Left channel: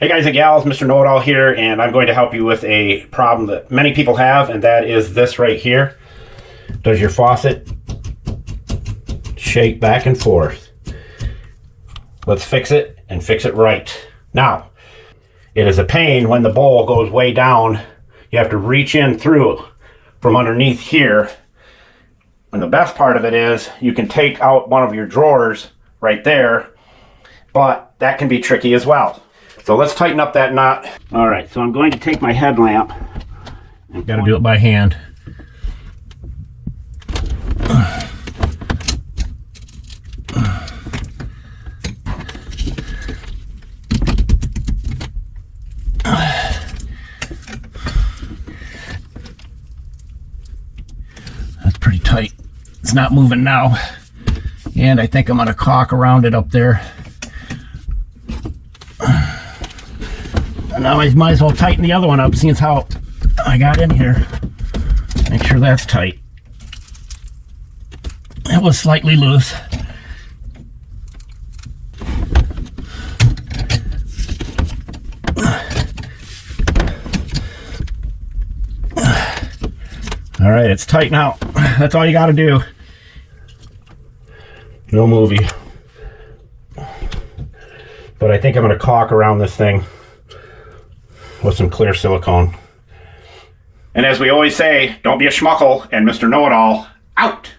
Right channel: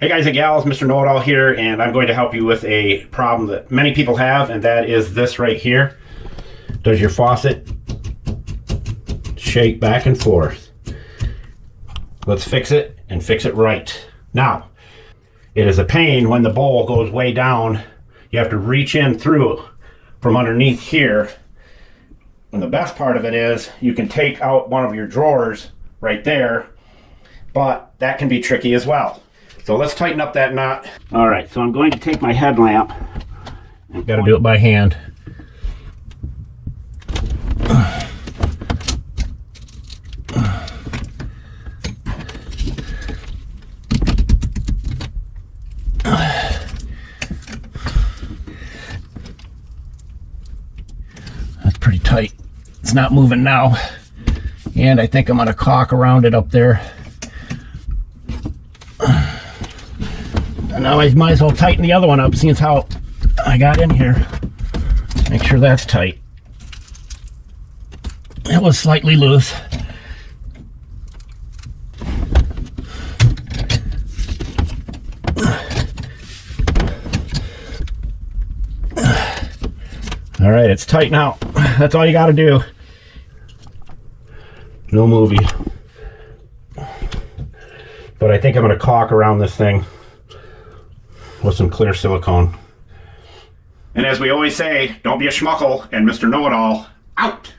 Hey guys and gals, Mr. Know-It-All here, and I'm going to help you with a problem that many people have, and that is this right here. Does your faucet shake back and forth? Let's fix it and fix it right. Now, it is a pain when the bowl goes way down. You have to reach in through from underneath here. And the best part of it is you can take out one of your drawers right there, but that can be tricky as well. So let's tighten up that nut. All right, so I'm going to take my headlamp. I've got to do it by hand. That's pretty tight. It's not moving now. And I think I'm going to caulk around it up there. Now I might as well tighten the other one up, seeing how I got in here. Make sure that's tight. It was slightly loose. All right, it's tight now. That's all you got to do. No movie. But I think I'm going to caulk around this thing with some clear silicone. And as we always say, don't be a schmuckle, and Mr. Know-It-All out.